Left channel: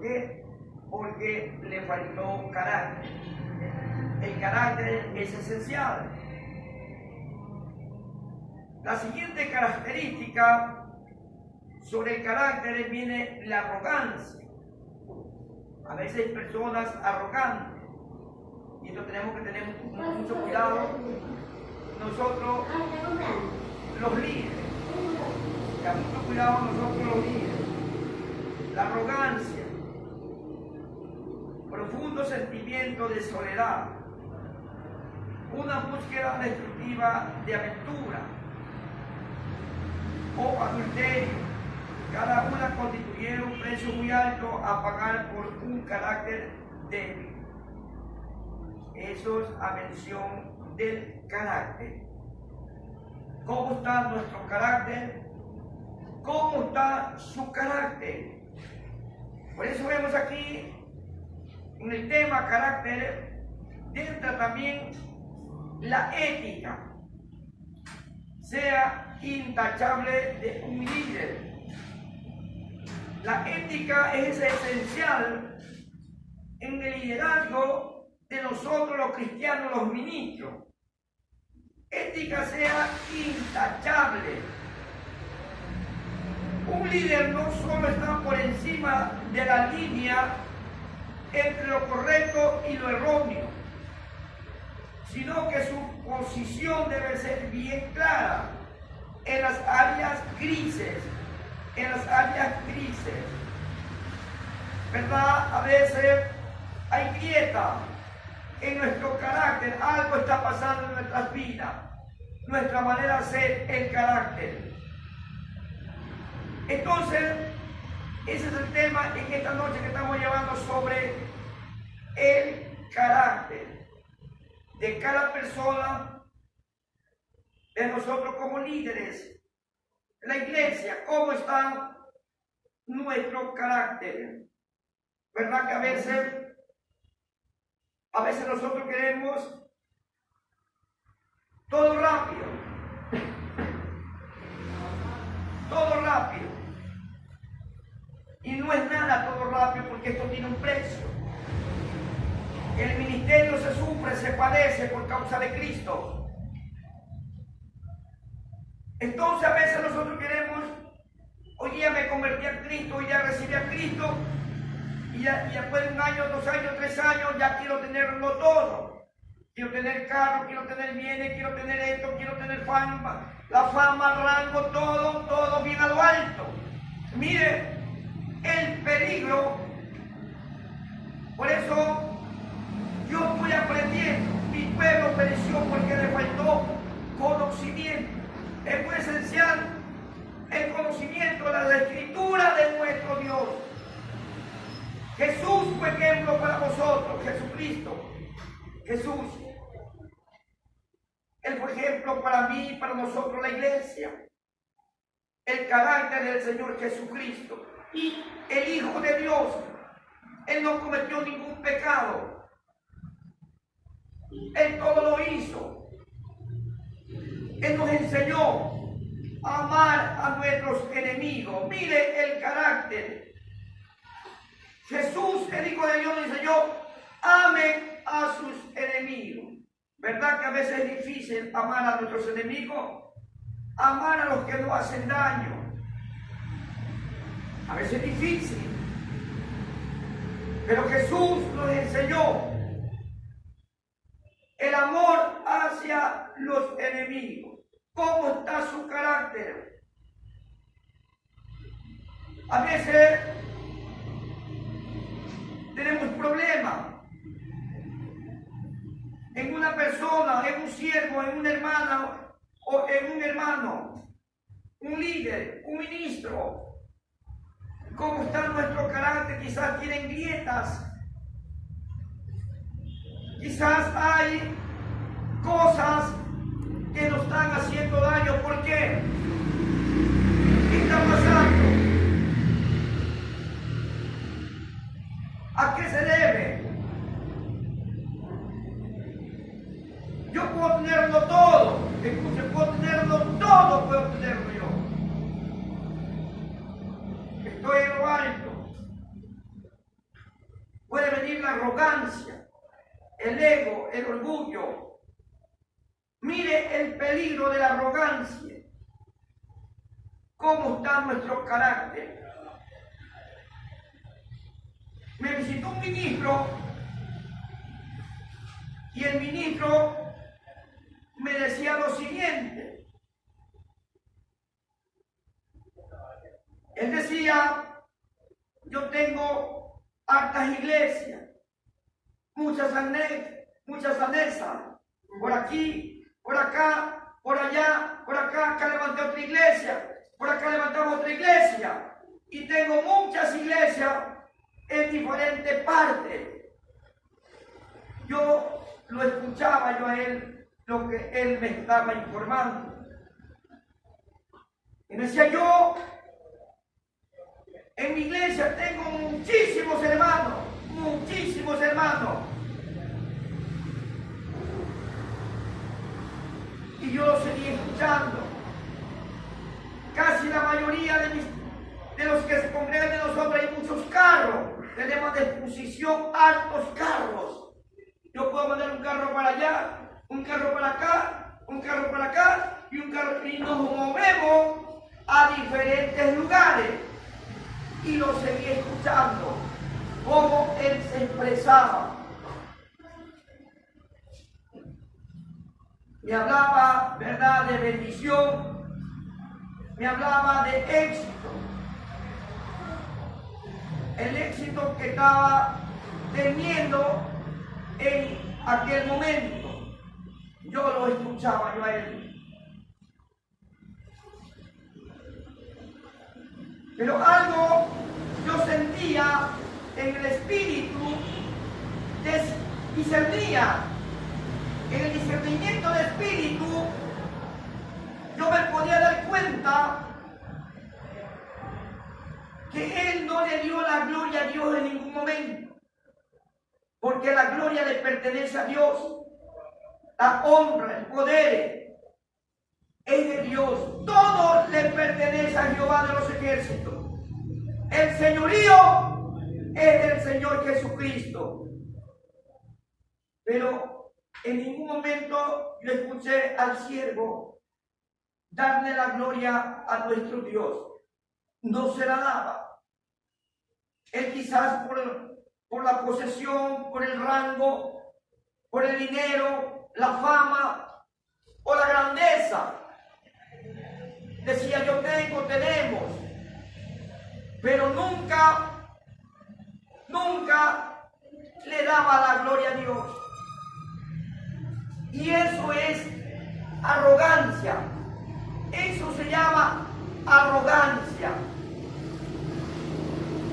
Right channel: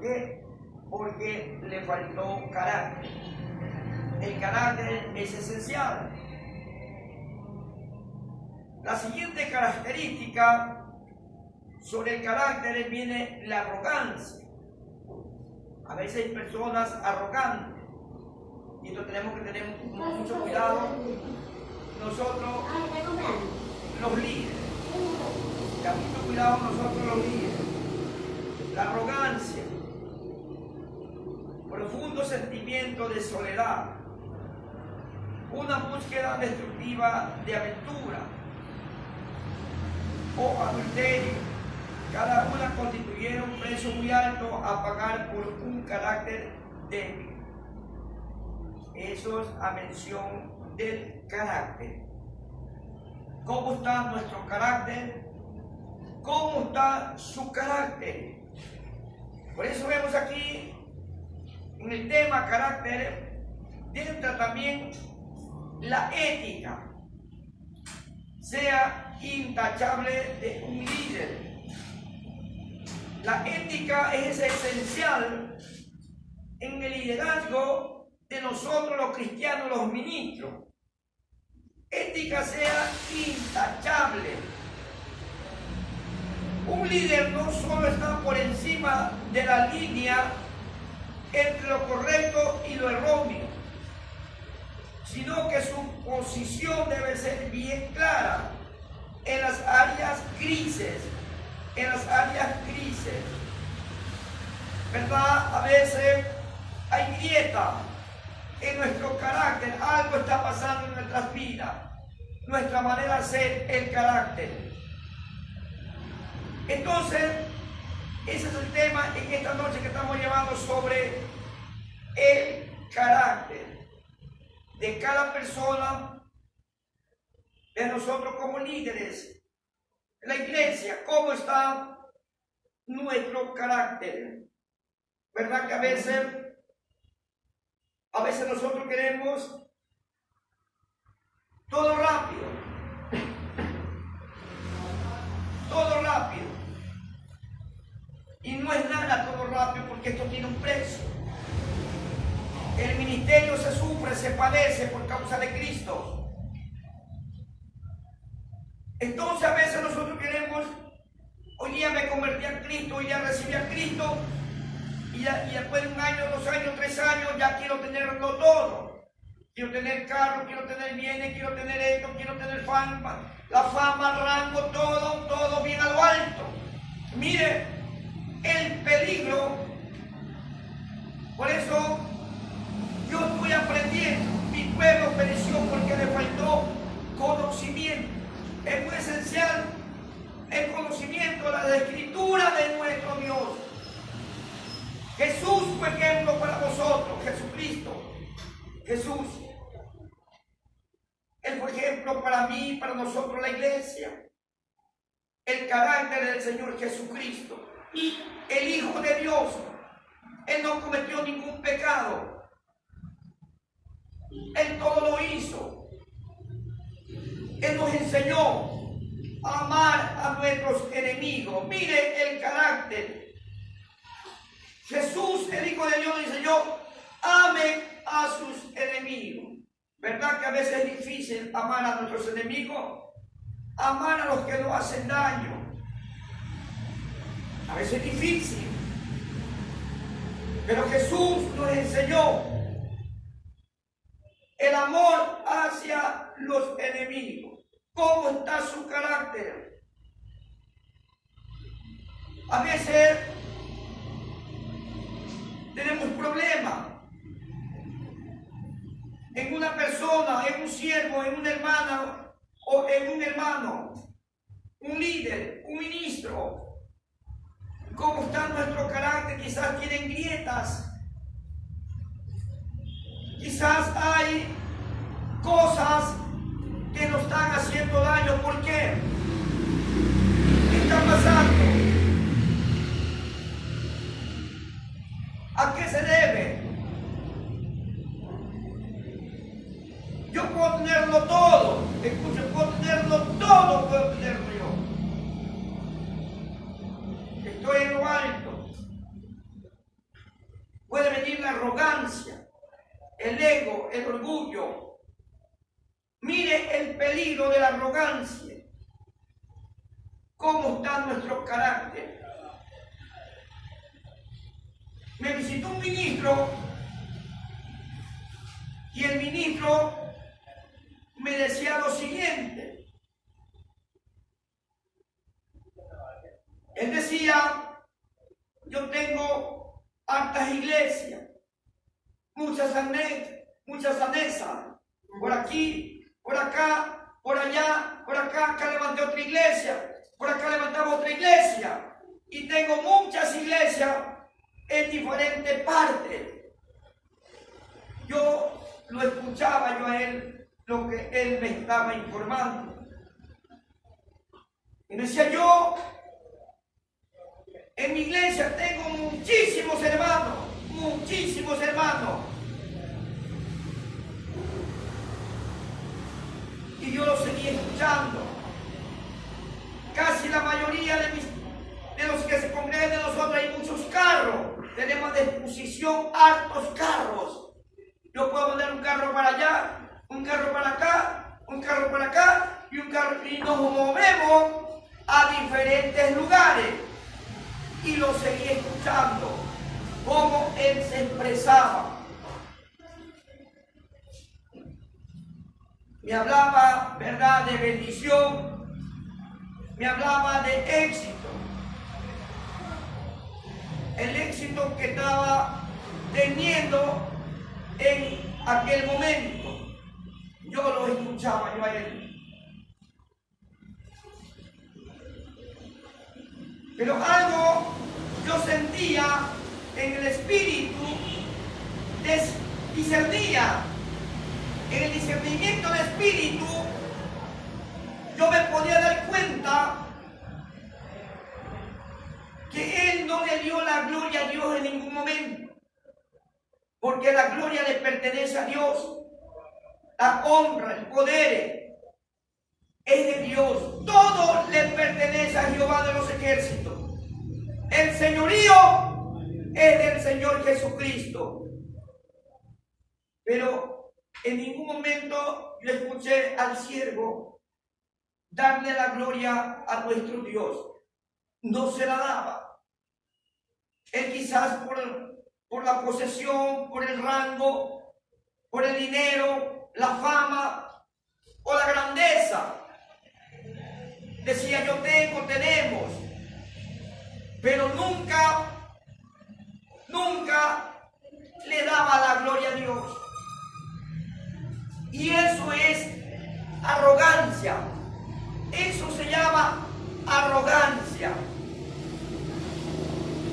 ¿Por qué? Porque le faltó carácter. El carácter es esencial. La siguiente característica sobre el carácter viene la arrogancia. A veces hay personas arrogantes y esto tenemos que tener mucho cuidado nosotros los líderes. Ya mucho cuidado nosotros los líderes. La arrogancia, profundo sentimiento de soledad, una búsqueda destructiva de aventura o adulterio, cada una constituyeron un precio muy alto a pagar por un carácter débil. Eso es a mención del carácter. ¿Cómo está nuestro carácter? ¿Cómo está su carácter? Por eso vemos aquí en el tema carácter, entra también la ética, sea intachable de un líder. La ética es esencial en el liderazgo de nosotros los cristianos, los ministros. Ética sea intachable. Un líder no solo está por encima de la línea entre lo correcto y lo erróneo, sino que su posición debe ser bien clara en las áreas grises, ¿verdad? A veces hay grieta en nuestro carácter, algo está pasando en nuestras vidas, nuestra manera de ser, el carácter. Entonces, ese es el tema en esta noche que estamos llevando sobre el carácter de cada persona, de nosotros como líderes, la iglesia, cómo está nuestro carácter. ¿Verdad que a veces nosotros queremos todo rápido? Todo rápido. Y no es nada todo rápido porque esto tiene un precio. El ministerio se sufre, se padece por causa de Cristo. Entonces a veces nosotros queremos, hoy día me convertí a Cristo, hoy ya recibí a Cristo, y ya después de 1 año, 2 años, 3 años, ya quiero tenerlo todo. Quiero tener carro, quiero tener bienes, quiero tener esto, quiero tener fama, la fama, el rango, todo bien a lo alto. Mire, el peligro. Por eso yo estoy aprendiendo. Mi pueblo pereció porque le faltó conocimiento. Es muy esencial el conocimiento de la escritura de nuestro Dios. Jesús fue ejemplo para vosotros, Jesucristo. Jesús. Él fue ejemplo para mí y para nosotros, la iglesia. El carácter del Señor Jesucristo. El Hijo de Dios. Él no cometió ningún pecado. Él todo lo hizo. Él nos enseñó a amar a nuestros enemigos. Mire el carácter. Jesús, el Hijo de Dios, nos enseñó: ame a sus enemigos. ¿Verdad que a veces es difícil amar a nuestros enemigos? Amar a los que nos hacen daño. A veces es difícil. Pero Jesús nos enseñó el amor hacia los enemigos. ¿Cómo está su carácter? A veces tenemos problemas en una persona, en un siervo, en una hermana o en un hermano, un líder, un ministro. ¿Cómo está nuestro carácter? Quizás tienen grietas. Quizás hay cosas que nos están haciendo daño. ¿Por qué? ¿Qué está pasando? ¿A qué se debe? Yo puedo tenerlo todo. Escuchen, puedo tenerlo todo, puedo tenerlo yo. Estoy en lo alto. también la arrogancia, el ego, el orgullo. Mire el peligro de la arrogancia. ¿Cómo está nuestro carácter? Me visitó un ministro y el ministro me decía lo siguiente. Él decía, yo tengo hartas iglesias, muchas anexas, por aquí, por acá, por allá, por acá, acá levanté otra iglesia, por acá levantamos otra iglesia, y tengo muchas iglesias en diferentes partes. Yo lo escuchaba yo a él, lo que él me estaba informando. Y me decía, yo en mi iglesia tengo muchísimos hermanos. Y yo lo seguía escuchando. Casi la mayoría de los que se congregan de nosotros hay muchos carros. Tenemos a disposición hartos carros. Yo puedo mandar un carro para allá, un carro para acá, un carro para acá y un carro, y nos movemos a diferentes lugares. Y lo seguí escuchando, cómo él se expresaba. Me hablaba, ¿verdad?, de bendición, me hablaba de éxito. El éxito que estaba teniendo en aquel momento. Yo lo escuchaba yo a él. Pero algo yo sentía en el espíritu, discernía, en el discernimiento del espíritu, yo me podía dar cuenta que él no le dio la gloria a Dios en ningún momento, porque la gloria le pertenece a Dios, la honra, el poder es de Dios, todo le pertenece a Jehová de los ejércitos. El señorío es del Señor Jesucristo. Pero en ningún momento yo escuché al siervo darle la gloria a nuestro Dios. No se la daba. Él quizás por la posesión, por el rango, por el dinero, la fama o la grandeza, decía, yo tenemos, pero nunca le daba la gloria a Dios. Y eso es arrogancia. Eso se llama arrogancia.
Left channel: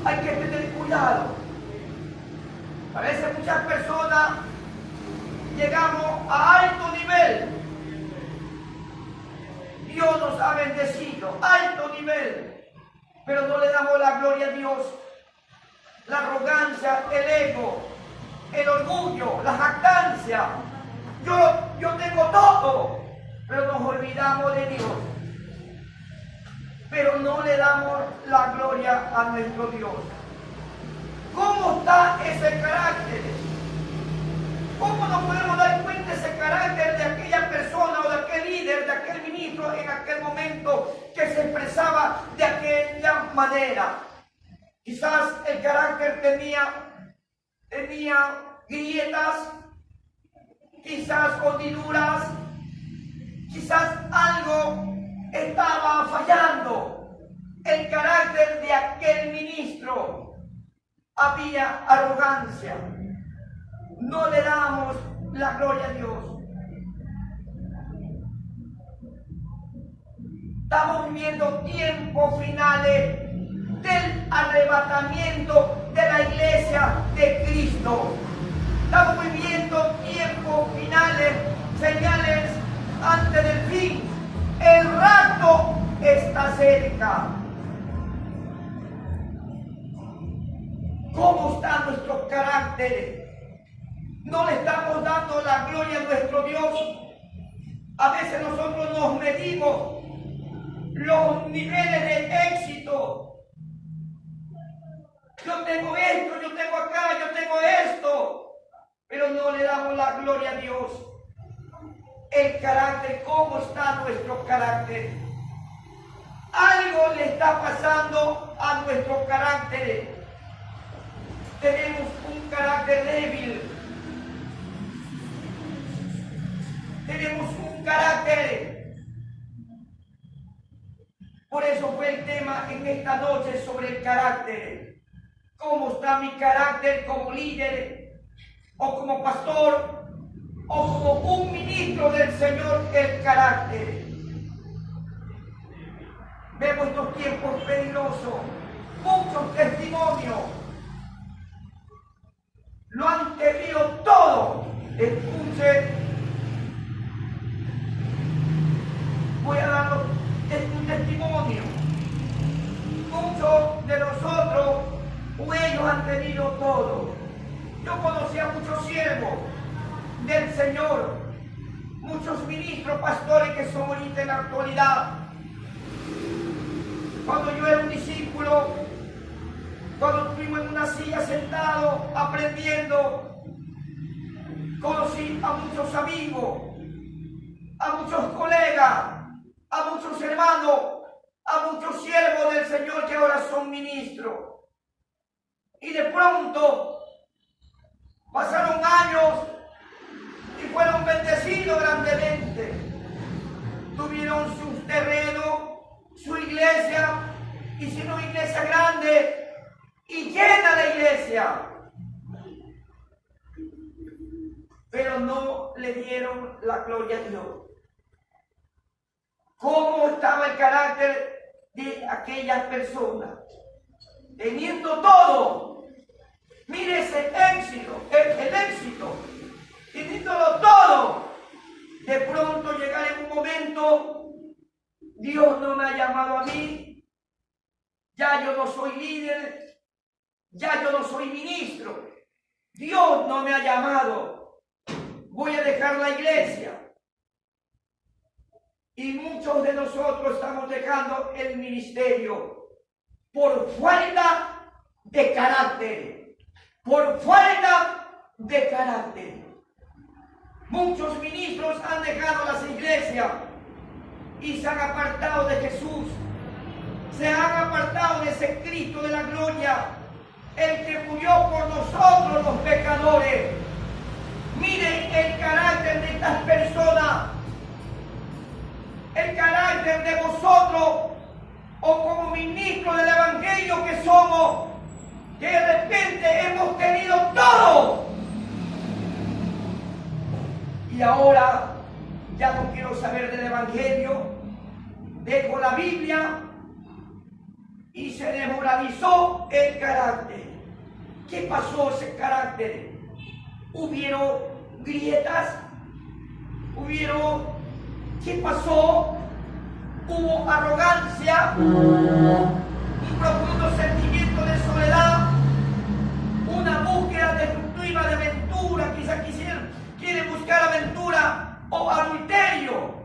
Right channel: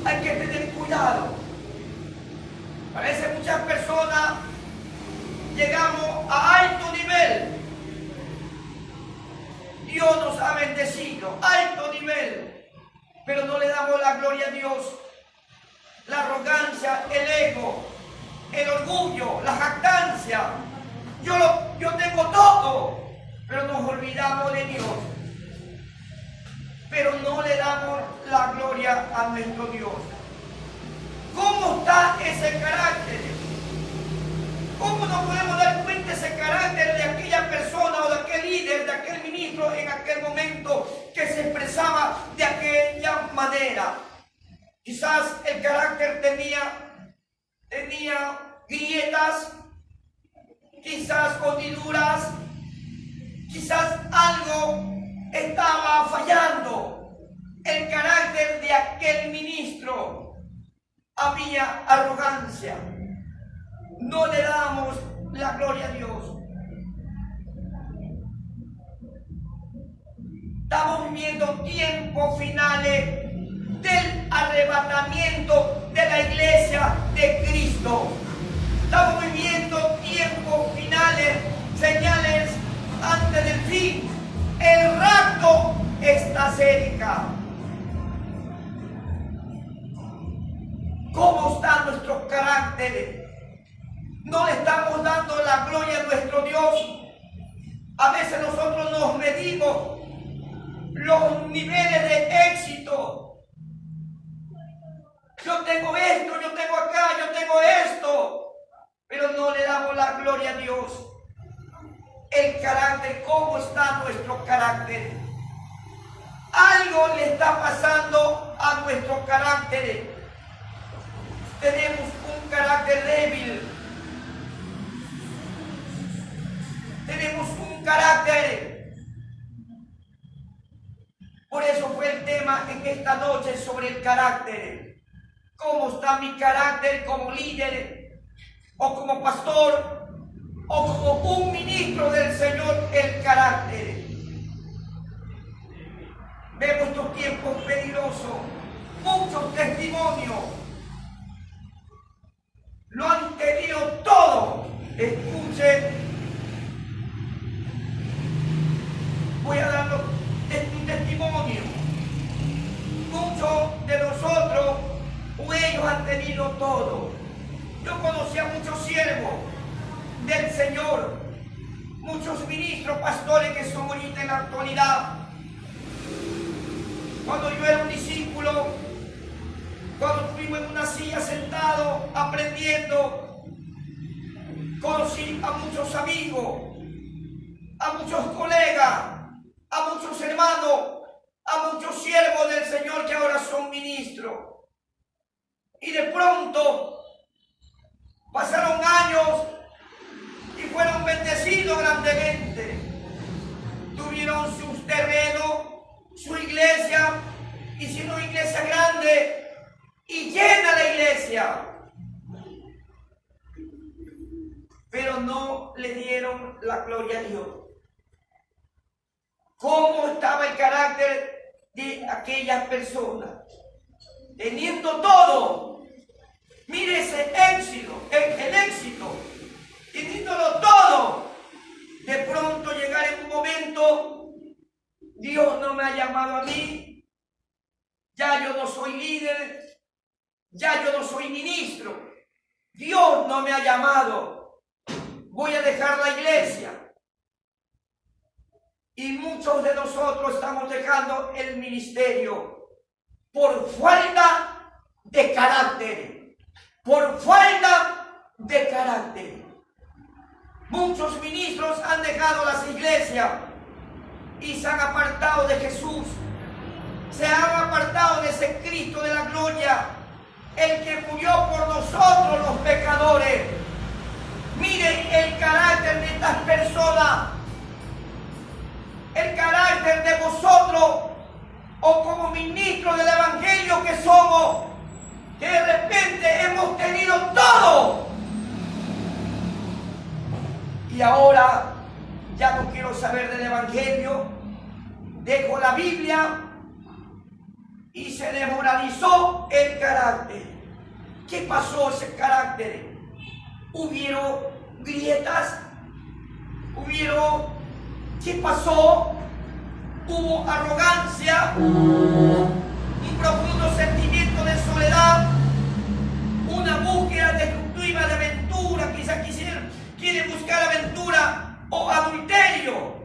Hay que tener cuidado. A veces muchas personas llegamos a alto nivel. Dios nos ha bendecido, alto nivel, pero no le damos la gloria a Dios. La arrogancia, el ego, el orgullo, la jactancia. Yo tengo todo, pero nos olvidamos de Dios. Pero no le damos la gloria a nuestro Dios. ¿Cómo está ese carácter? ¿Cómo nos podemos dar cuenta ese carácter de aquella persona o de aquel líder, de aquel ministro en aquel momento que se expresaba de aquella manera? Quizás el carácter tenía grietas, quizás hundiduras, quizás algo estaba fallando. El carácter de aquel ministro, había arrogancia. No le damos la gloria a Dios. Estamos viviendo tiempos finales del arrebatamiento de la iglesia de Cristo. Estamos viviendo tiempos finales, señales antes del fin. El rapto está cerca. ¿Cómo está nuestro carácter? No le estamos dando la gloria a nuestro Dios. A veces nosotros nos medimos los niveles de éxito. Yo tengo esto, yo tengo acá, yo tengo esto. la gloria a Dios. El carácter, ¿cómo está nuestro carácter? Algo le está pasando a nuestro carácter. Tenemos un carácter débil. Tenemos un carácter. Por eso fue el tema en esta noche sobre el carácter. ¿Cómo está mi carácter como líder o como pastor o como un ministro del Señor? El carácter. Vemos estos tiempos peligrosos, muchos testimonios. Lo han querido todo. Escuche, voy a dar un testimonio. Muchos de nosotros, o ellos han tenido todo. Yo conocí a muchos siervos del Señor, muchos ministros, pastores que son ahorita en la actualidad. Cuando yo era un discípulo, cuando estuvimos en una silla sentado aprendiendo, conocí a muchos amigos, a muchos colegas, a muchos hermanos, a muchos siervos del Señor que ahora son ministros. Y de pronto pasaron años y fueron bendecidos grandemente. Tuvieron sus terrenos, su iglesia, hicieron iglesia grande y llena la iglesia. Pero no le dieron la gloria a Dios. ¿Cómo estaba el carácter de aquellas personas? Teniendo todo, mire ese éxito, el éxito, teniéndolo todo, de pronto llegar en un momento, Dios no me ha llamado a mí, ya yo no soy líder, ya yo no soy ministro, Dios no me ha llamado, voy a dejar la iglesia. Y muchos de nosotros estamos dejando el ministerio por falta de carácter, por falta de carácter. Muchos ministros han dejado las iglesias y se han apartado de Jesús, se han apartado de ese Cristo de la gloria, el que murió por nosotros los pecadores. Miren el carácter de estas personas, el carácter de vosotros, o como ministros del Evangelio que somos, que de repente hemos tenido todo y ahora ya no quiero saber del Evangelio, dejo la Biblia y se desmoralizó el carácter. ¿Qué pasó ese carácter? Hubieron grietas, ¿qué pasó? Hubo arrogancia, un profundo sentimiento de soledad, una búsqueda destructiva de aventura, quizás quieren buscar aventura o adulterio,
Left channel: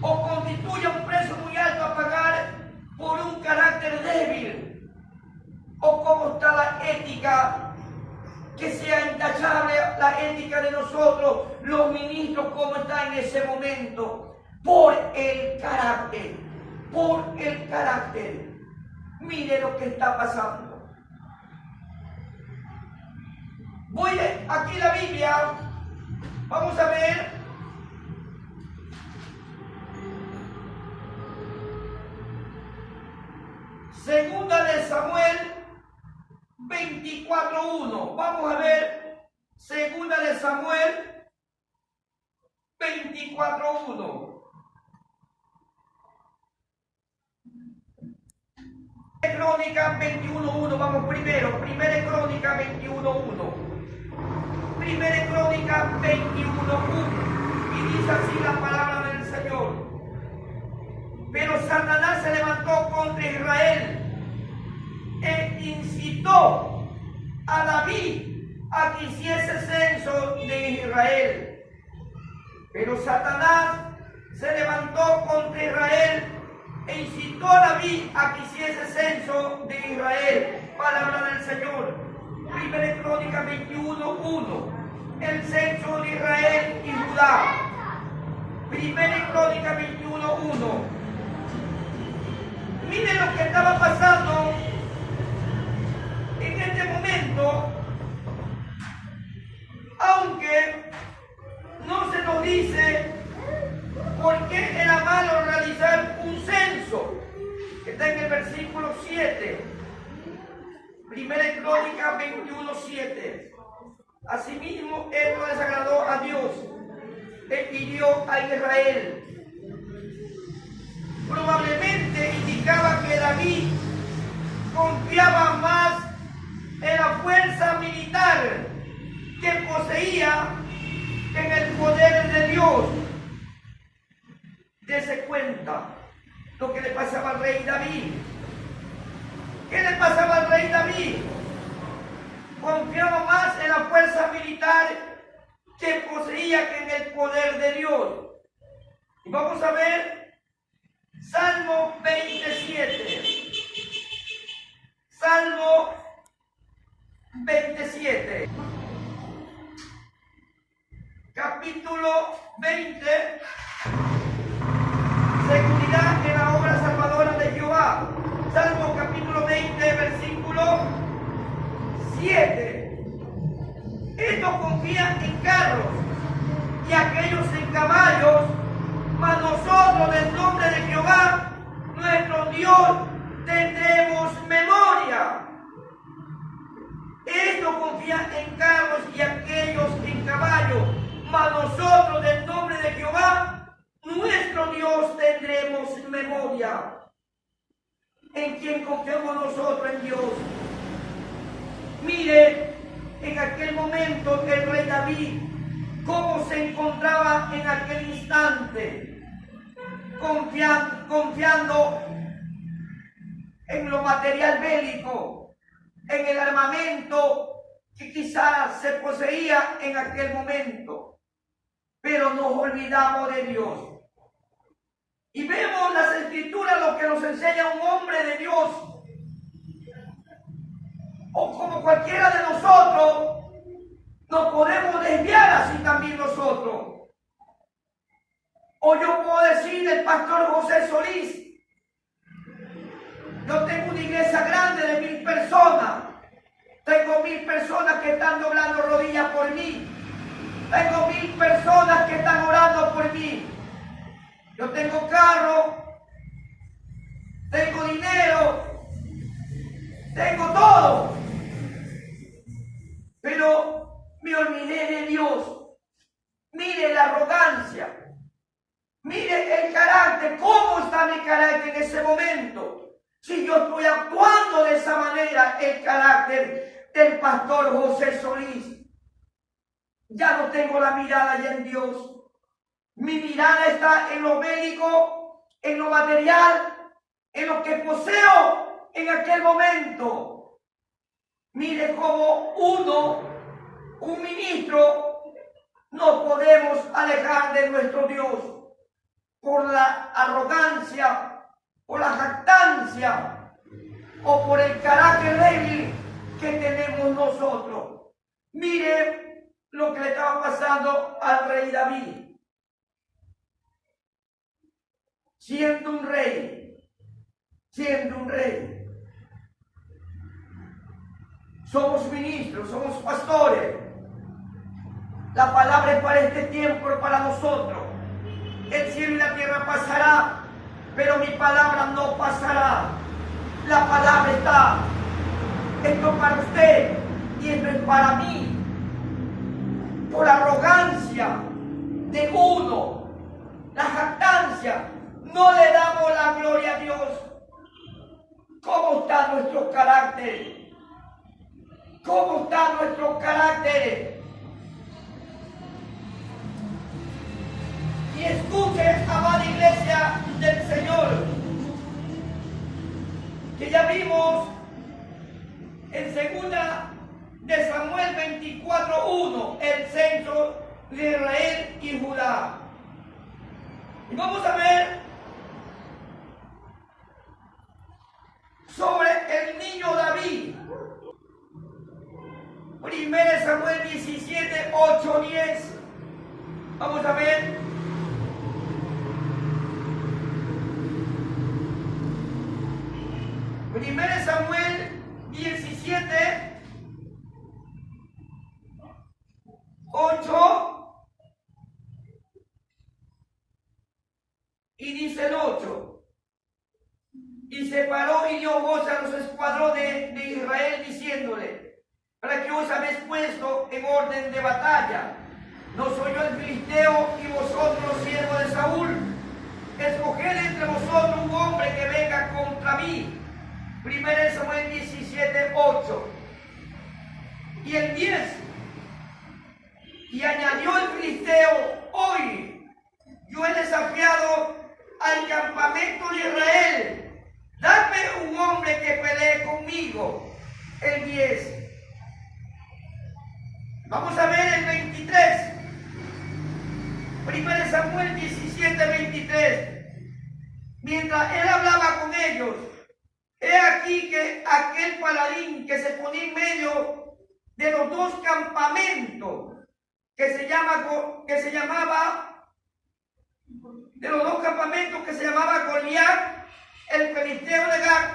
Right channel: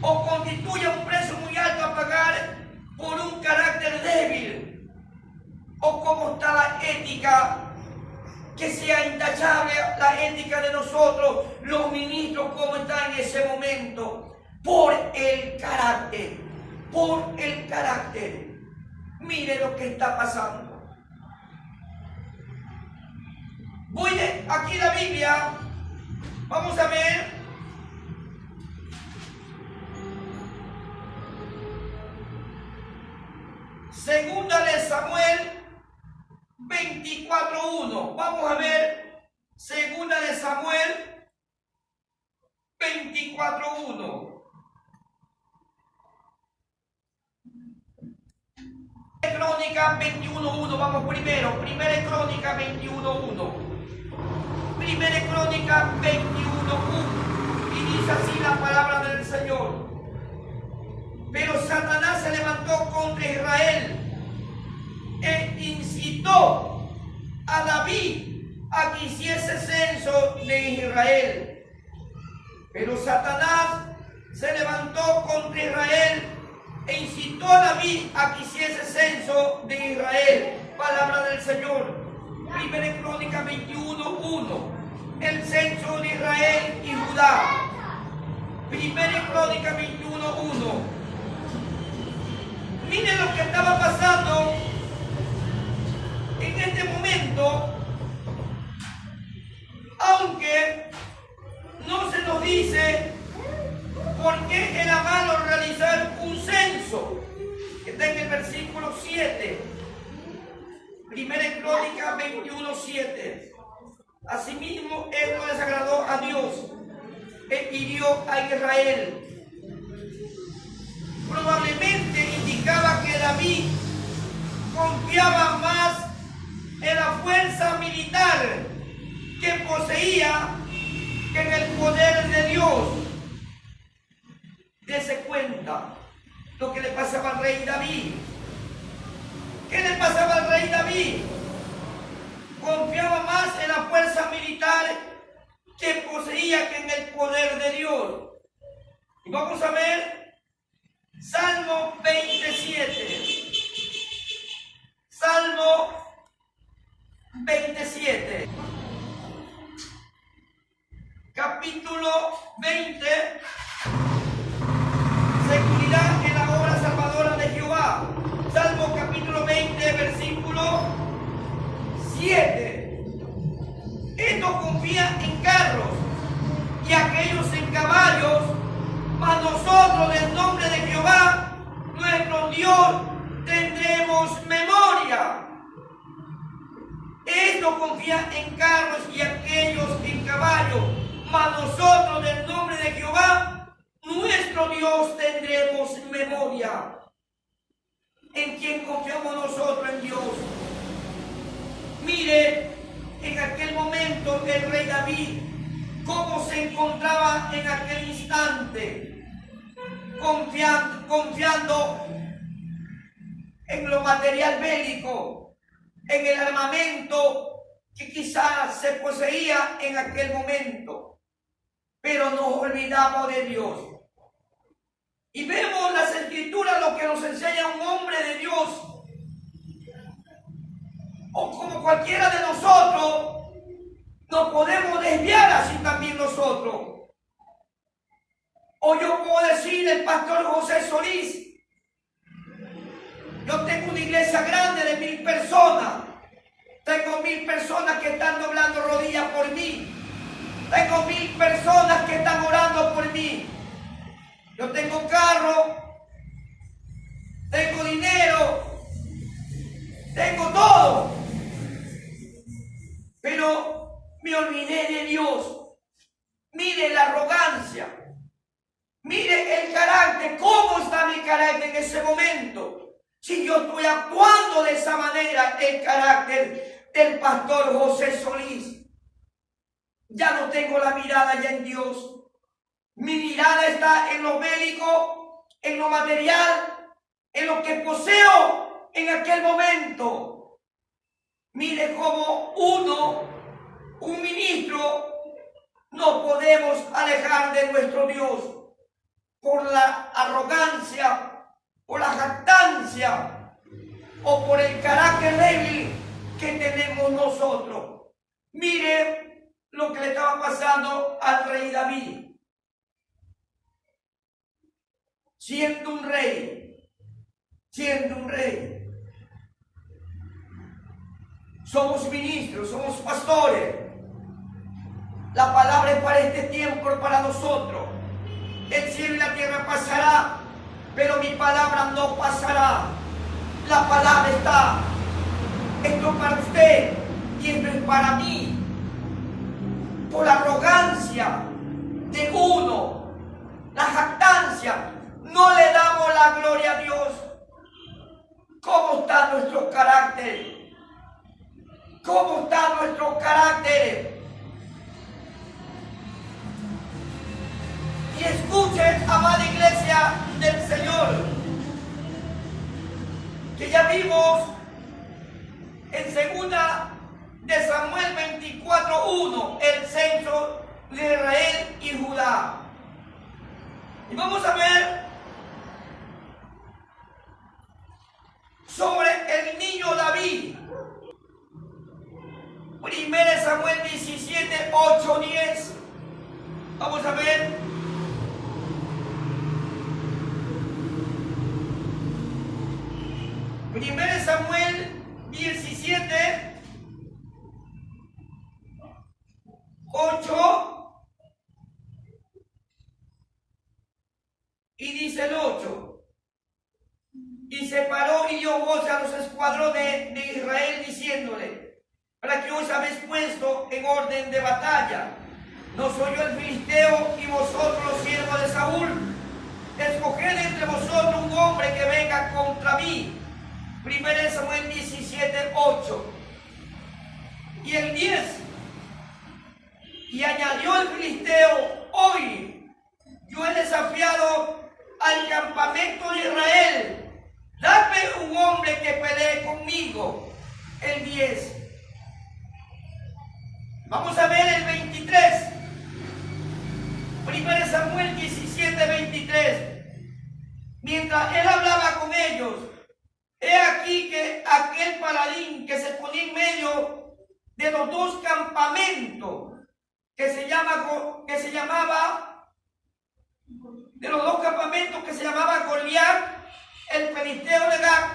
o constituye un precio muy alto a pagar por un carácter débil, o cómo está la ética, que sea intachable la ética de nosotros, los ministros, cómo está en ese momento, por el carácter, por el carácter. Mire lo que está pasando. Voy aquí la Biblia, vamos a ver. Segunda de Samuel 24:1. Vamos a ver Segunda de Samuel 24:1. Crónica 21:1. Vamos primero. Primera Crónica 21:1. Primera Crónica 21:1. Y dice así la palabra del Señor. Pero Satanás se levantó contra Israel e incitó a David a que hiciese censo de Israel. Pero Satanás se levantó contra Israel e incitó a David a que hiciese censo de Israel. Palabra del Señor. Primera Crónica 21:1. El censo de Israel y Judá. Primera Crónica 21:1. Miren lo que estaba pasando en este momento, aunque no se nos dice por qué era malo realizar un censo, que está en el versículo 7. Primera Crónica 21:7. Asimismo, él no desagradó a Dios, él hirió a Israel. Probablemente indicaba que David confiaba más en la fuerza militar que poseía que en el poder de Dios. Dese cuenta lo que le pasaba al rey David. ¿Qué le pasaba al rey David? Confiaba más en la fuerza militar que poseía que en el poder de Dios. Y vamos a ver Salmo 27. Salmo 27. Capítulo 20. Seguridad en la obra salvadora de Jehová. Salmo capítulo 20, versículo 7. Estos confían en carros y aquellos en caballos, mas nosotros del nombre de Jehová, nuestro Dios, tendremos memoria. Estos confían en carros y aquellos en caballos, mas nosotros del nombre de Jehová, nuestro Dios, tendremos memoria. ¿En quién confiamos nosotros? En Dios. Mire, en aquel momento el rey David, cómo se encontraba en aquel instante, confiando en lo material bélico, en el armamento que quizás se poseía en aquel momento, pero nos olvidamos de Dios. Y vemos las escrituras lo que nos enseña un hombre de Dios, o como cualquiera de nosotros, nos podemos desviar así también nosotros. O yo puedo decir el pastor José Solís, yo tengo una iglesia grande de 1000 personas, tengo 1000 personas que están doblando rodillas por mí, tengo 1000 personas que están orando por mí, yo tengo carro, tengo dinero, tengo todo, pero me olvidé de Dios. Mire la arrogancia, mire el carácter, cómo está mi carácter en ese momento. Si yo estoy actuando de esa manera, el carácter del pastor José Solís, ya no tengo la mirada ya en Dios. Mi mirada está en lo bélico, en lo material, en lo que poseo en aquel momento. Mire cómo un ministro, no podemos alejar de nuestro Dios por la arrogancia, por la jactancia o por el carácter débil que tenemos nosotros. Mire lo que le estaba pasando al rey David. Siendo un rey, somos ministros, somos pastores. La palabra es para este tiempo, para nosotros. El cielo y la tierra pasará, pero mi palabra no pasará. La palabra está. Esto es para usted y esto es para mí. Por la arrogancia de uno, la jactancia, no le damos la gloria a Dios. ¿Cómo está nuestro carácter? ¿Cómo está nuestro carácter? Y escuche, amada iglesia del Señor, que ya vimos en 2 de Samuel 24:1 el censo de Israel y Judá. Y vamos a ver sobre el niño David. Samuel 17, 8, 10. Vamos a ver. Primero Samuel 17, 8. Y dice el 8. Y separó y dio voz a los escuadrones de Israel diciéndole: para que os habéis puesto en orden de batalla. No soy yo el filisteo y vosotros los siervos de Saúl. Escoged entre vosotros un hombre que venga contra mí. Primero Samuel 17, 8. Y el 10. Y añadió el filisteo: hoy yo he desafiado al campamento de Israel. Dame un hombre que pelee conmigo. El 10. Vamos a ver el 23. Primero Samuel 17, 23. Mientras él hablaba con ellos, he aquí que aquel paladín que se ponía en medio de los dos campamentos, que se llamaba Goliat, el filisteo de Gat,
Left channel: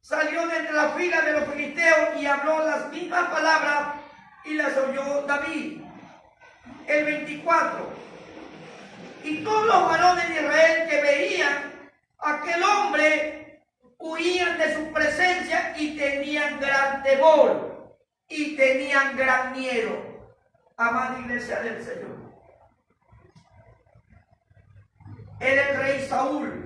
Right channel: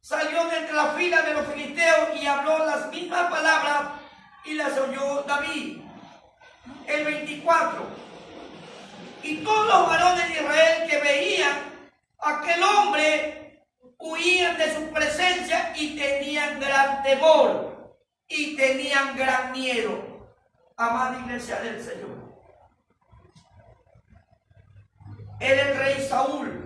salió de entre las filas de los filisteos y habló las mismas palabras y las oyó David. El 24. Y todos los varones de Israel que veían a aquel hombre huían de su presencia y tenían gran temor y tenían gran miedo. Amada iglesia del Señor, era el rey Saúl,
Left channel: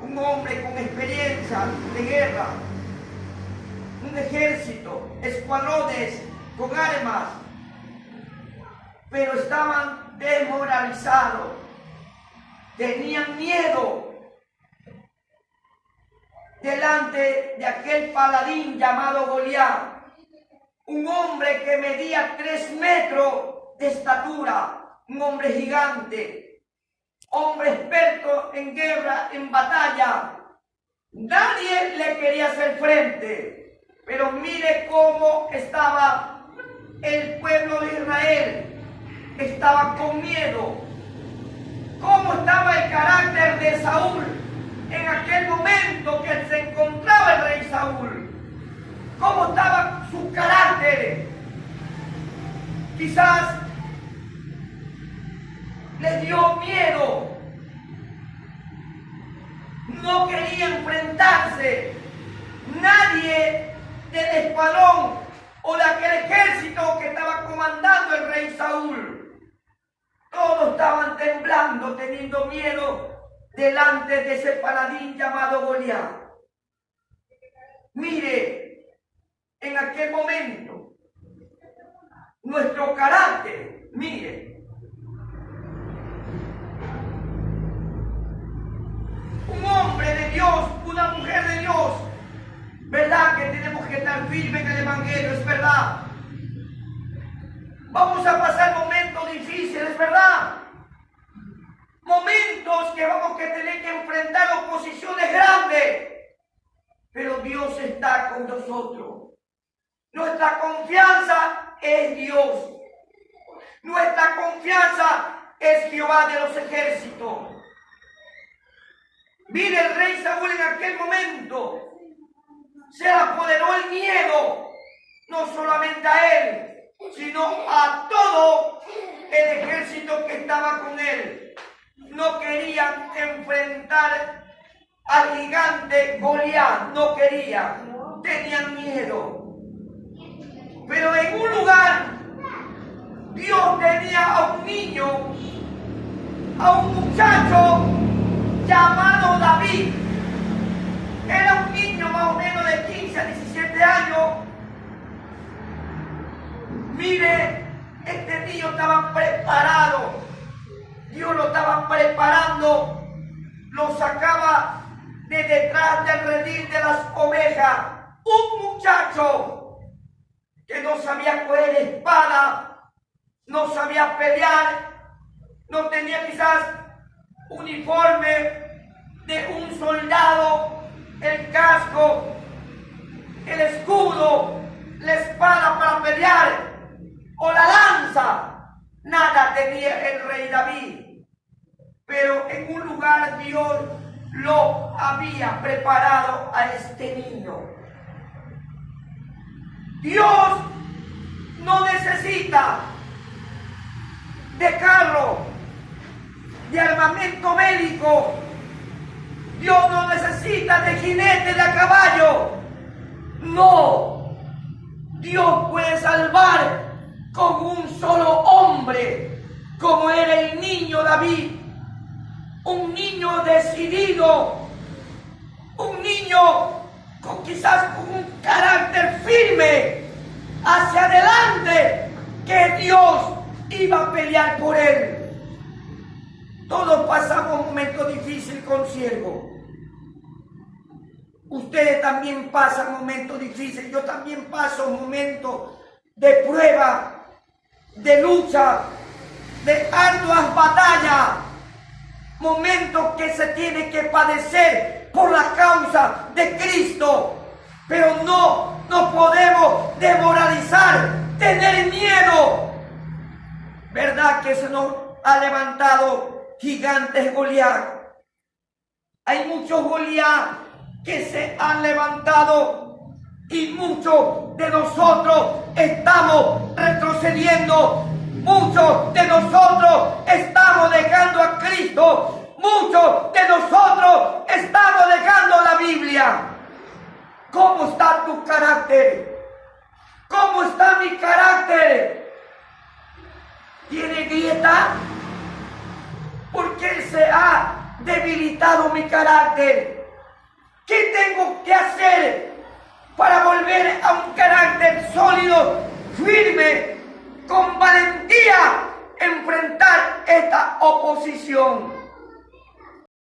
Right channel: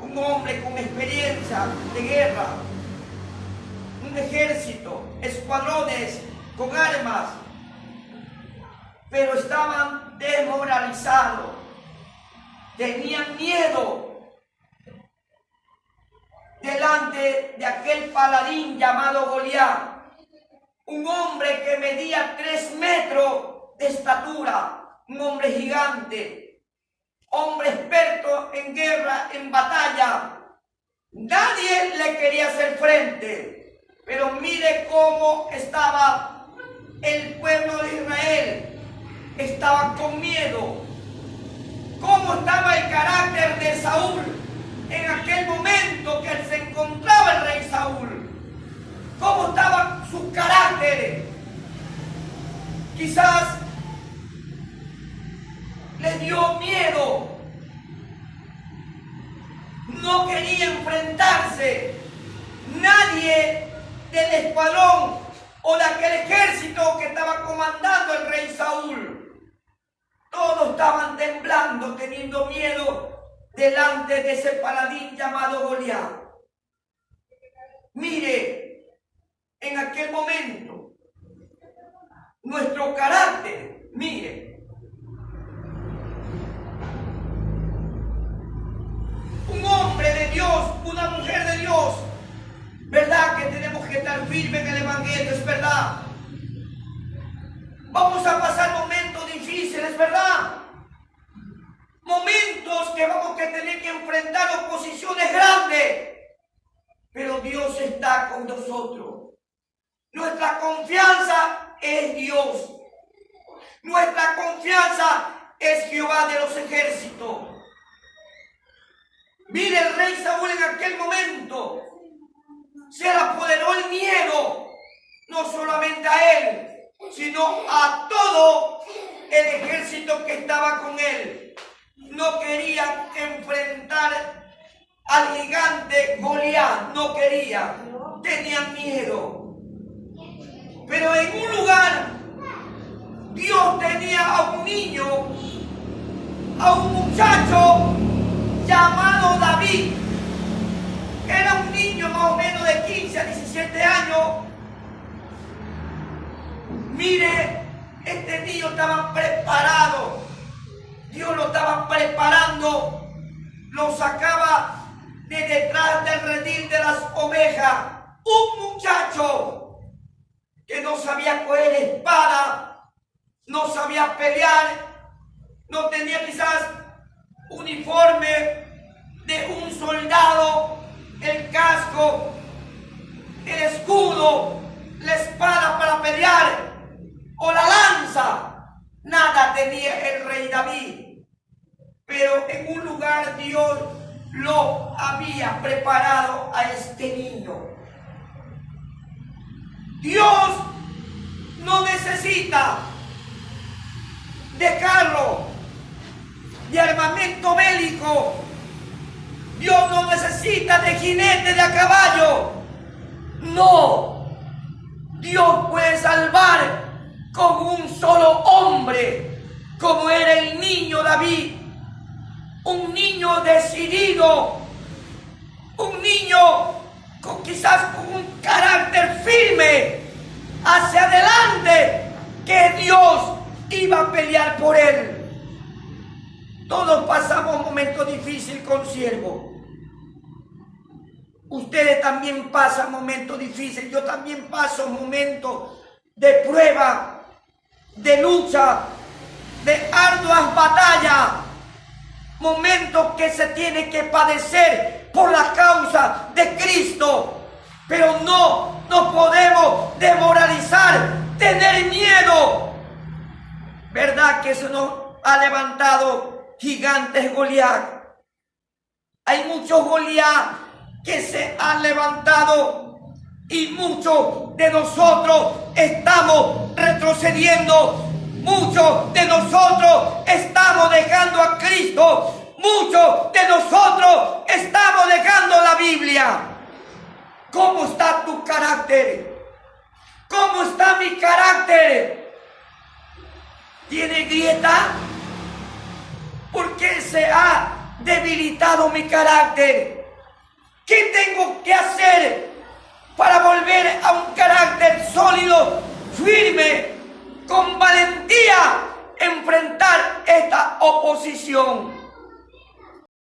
un hombre con experiencia de guerra, un ejército, escuadrones con armas, pero estaban desmoralizados, tenían miedo delante de aquel paladín llamado Goliat, un hombre que medía 3 metros de estatura, un hombre gigante, hombre experto en guerra, en batalla. Nadie le quería hacer frente, pero mire cómo estaba el pueblo de Israel. Estaban con miedo. Cómo estaba el carácter de Saúl en aquel momento que se encontraba el rey Saúl. Cómo estaba su carácter. Quizás le dio miedo. No quería enfrentarse. Nadie del escuadrón o de aquel ejército que estaba comandando el rey Saúl. Todos estaban temblando, teniendo miedo delante de ese paladín llamado Goliat. Mire, en aquel momento, nuestro carácter, mire, un hombre de Dios, una mujer de Dios, ¿verdad que tenemos que estar firmes en el Evangelio? Es verdad. Vamos a pasar momentos difíciles, ¿verdad? Momentos que vamos a tener que enfrentar oposiciones grandes. Pero Dios está con nosotros. Nuestra confianza es Dios. Nuestra confianza es Jehová de los ejércitos. Mire, el rey Saúl en aquel momento se apoderó el miedo, no solamente a él, sino a todo el ejército que estaba con él. No querían enfrentar al gigante Goliat, no querían, tenían miedo. Pero en un lugar, Dios tenía a un niño, a un muchacho llamado David. Era un niño más o menos de 15 a 17 años. Mire, este niño estaba preparado. Dios lo estaba preparando. Lo sacaba de detrás del redil de las ovejas. Un muchacho que no sabía coger espada, no sabía pelear, no tenía quizás uniforme de un soldado, el casco, el escudo, la espada para pelear. casa, nada tenía el rey David, pero en un lugar Dios lo había preparado a este niño. Dios no necesita de carro, de armamento bélico. Dios no necesita de jinete de a caballo. No. Dios puede salvar con un solo hombre, como era el niño David. Un niño decidido, un niño quizás con un carácter firme hacia adelante, que Dios iba a pelear por él. Todos pasamos momentos difíciles con siervo. Ustedes también pasan momentos difíciles. Yo también paso momentos de prueba, de lucha, de arduas batallas. Momentos que se tiene que padecer por la causa de Cristo. Pero no podemos demoralizar, tener miedo. ¿Verdad que se nos ha levantado gigantes Goliat? Hay muchos Goliat que se han levantado y muchos de nosotros estamos retrocediendo. Muchos de nosotros estamos dejando a Cristo. Muchos de nosotros estamos dejando la Biblia. ¿Cómo está tu carácter? ¿Cómo está mi carácter? ¿Tiene grieta? ¿Por qué se ha debilitado mi carácter? ¿Qué tengo que hacer para volver a un carácter sólido, firme, con valentía, enfrentar esta oposición?